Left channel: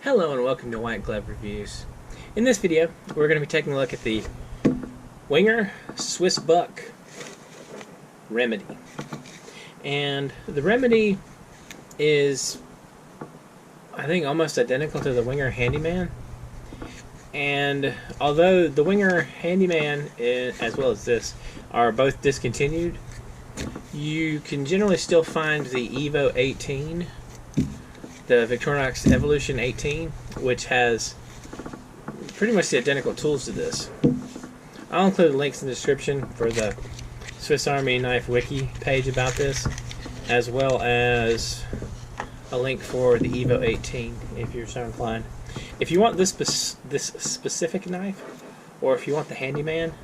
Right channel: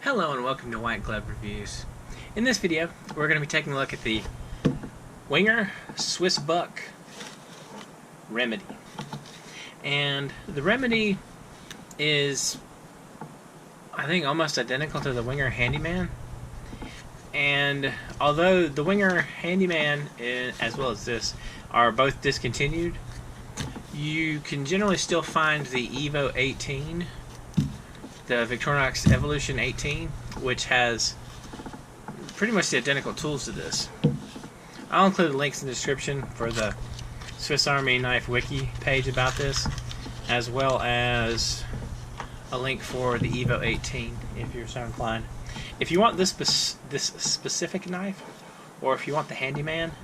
Hello and welcome to White Glove Reviews. In this video, we're going to be taking a look at the Wenger SwissBuck Remedy. And the Remedy is, I think, almost identical to the Wenger Handyman. And although the Wenger Handyman, as well as this, are both discontinued, you can generally still find the Evo 18, the Victorinox Evolution 18, which has pretty much the identical tools to this. I'll include links in the description for the Swiss Army Knife Wiki page about this, as well as a link for the Evo 18 if you're so inclined. If you want this specific knife, or if you want the Handyman,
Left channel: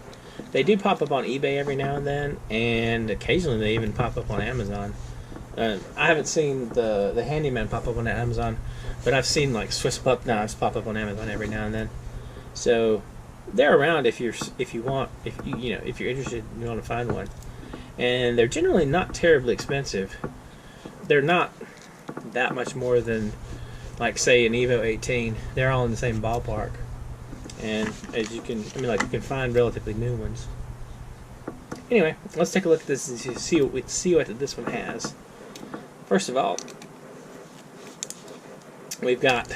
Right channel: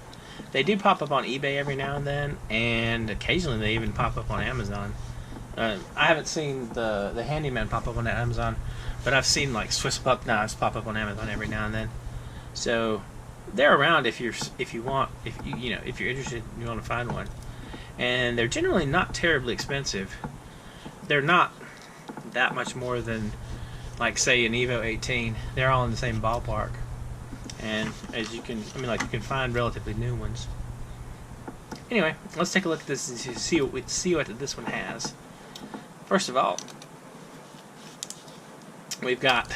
they do pop up on eBay every now and then, and occasionally they even pop up on Amazon. I haven't seen the Handyman pop up on Amazon, but I've seen like SwissBuck knives pop up on Amazon every now and then. So they're around if you're interested and you want to find one. And they're generally not terribly expensive. They're not that much more than, like, say, an Evo 18. They're all in the same ballpark. And as you can, you can find relatively new ones. Anyway, let's take a look at this and see what this one has. First of all, we've got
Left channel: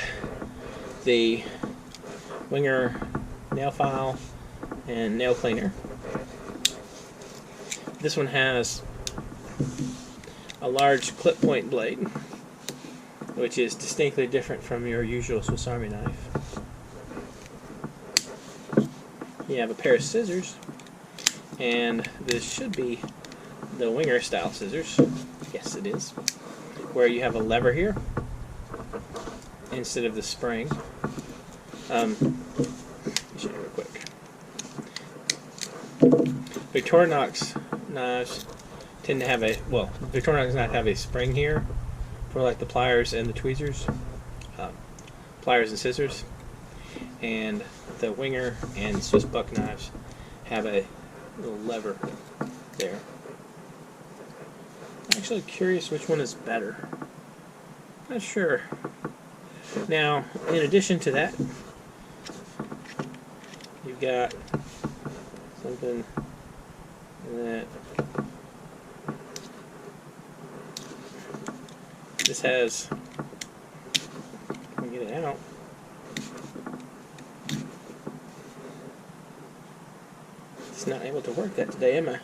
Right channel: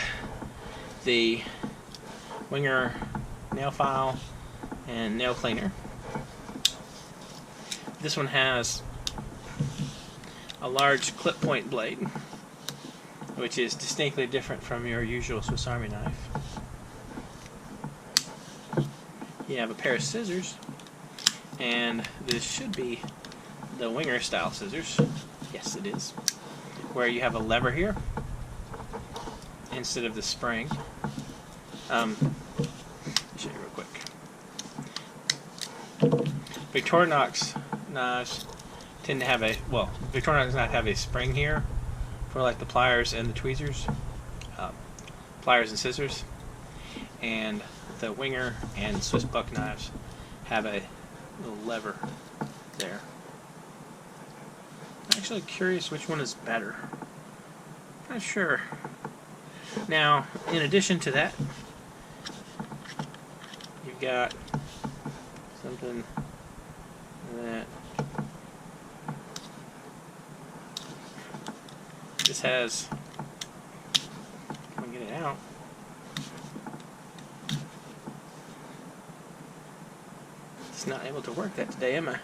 the Wenger nail file and nail cleaner. This one has a large clip point blade, which is distinctly different from your usual Swiss Army knife. You have a pair of scissors, and this should be the Wenger style scissors. Yes, it is. Where you have a lever here instead of the spring. Let me show you real quick. Victorinox knives tend to have Victorinox does not have a spring here for like the pliers and the tweezers, pliers and scissors, and the Wenger and SwissBuck knives have a little lever there. I'm actually curious which one is better. Not sure. Now, in addition to that, you've got something that this has. If I can get it out. It's not able to work that today, am I?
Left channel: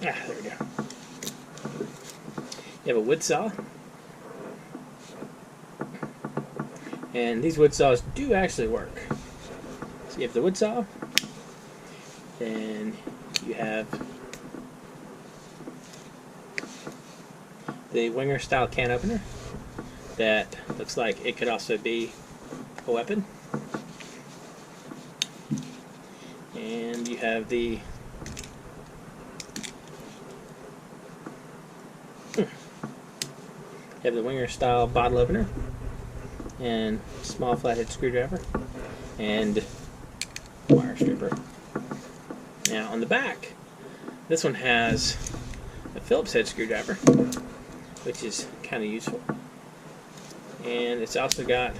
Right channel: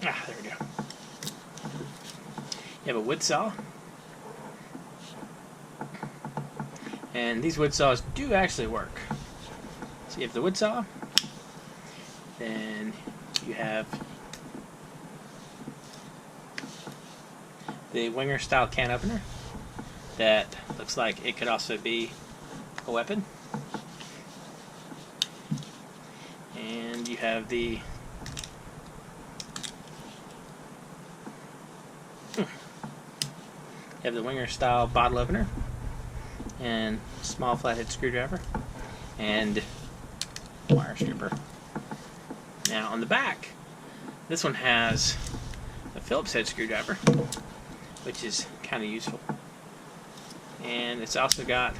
There we go. You have a wood saw. And these wood saws do actually work. So you have the wood saw. Then you have the Wenger style can opener that looks like it could also be a weapon. And you have the Wenger style bottle opener and small flathead screwdriver and wire stripper. Now on the back, this one has a Phillips head screwdriver, which is kind of useful, and it's also got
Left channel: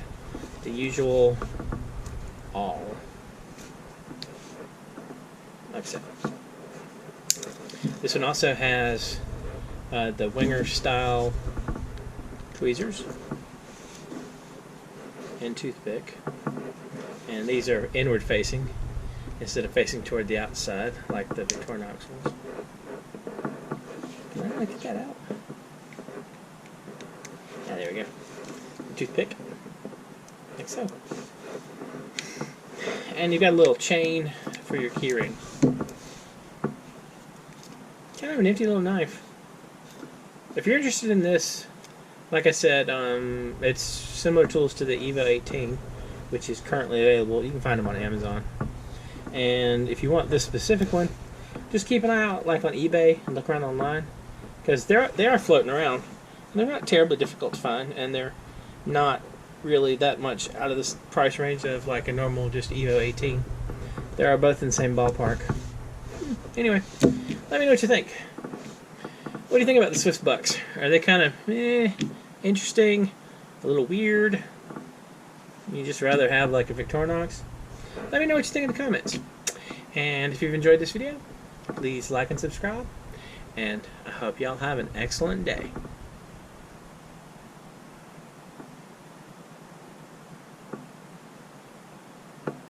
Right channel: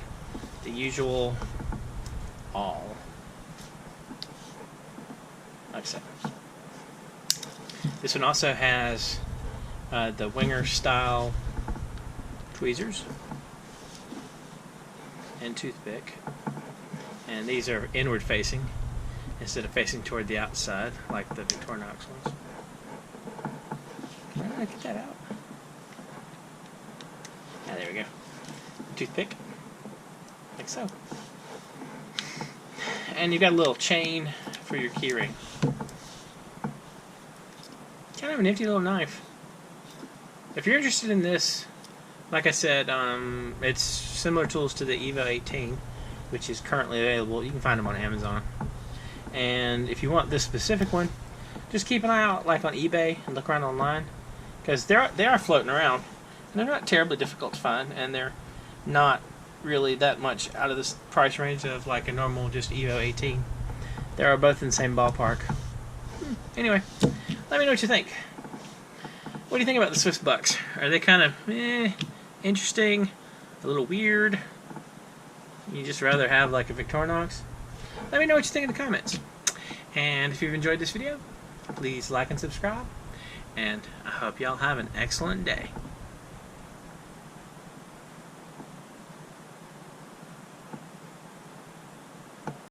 the usual awl, like I said. This one also has the Wenger style tweezers and toothpick, and these are inward facing instead of facing toward the outside like the Victorinox ones. Can I get that out? Ah, there we go. Toothpick, like so. And you've got a little chain for your keyring. Kind of a nifty little knife. If you're interested in this, like I said, it's similar tools to the Evo 18, which is currently available. You can find them on Amazon. And if you want this specific one, just keep an eye out, like on eBay, and look around online, because they are floating around. And they're not terribly difficult to find, and they're not really that much out of this price range of like a normal just Evo 18. They are both in the same ballpark. Anyway, let me know what you think. What do you think about the SwissBucks? Are they kind of interesting, a little weird? You just rather have like a Victorinox? Let me know what you think in the comments. And if you've enjoyed this video, please like and subscribe. And I hope y'all have an excellent day.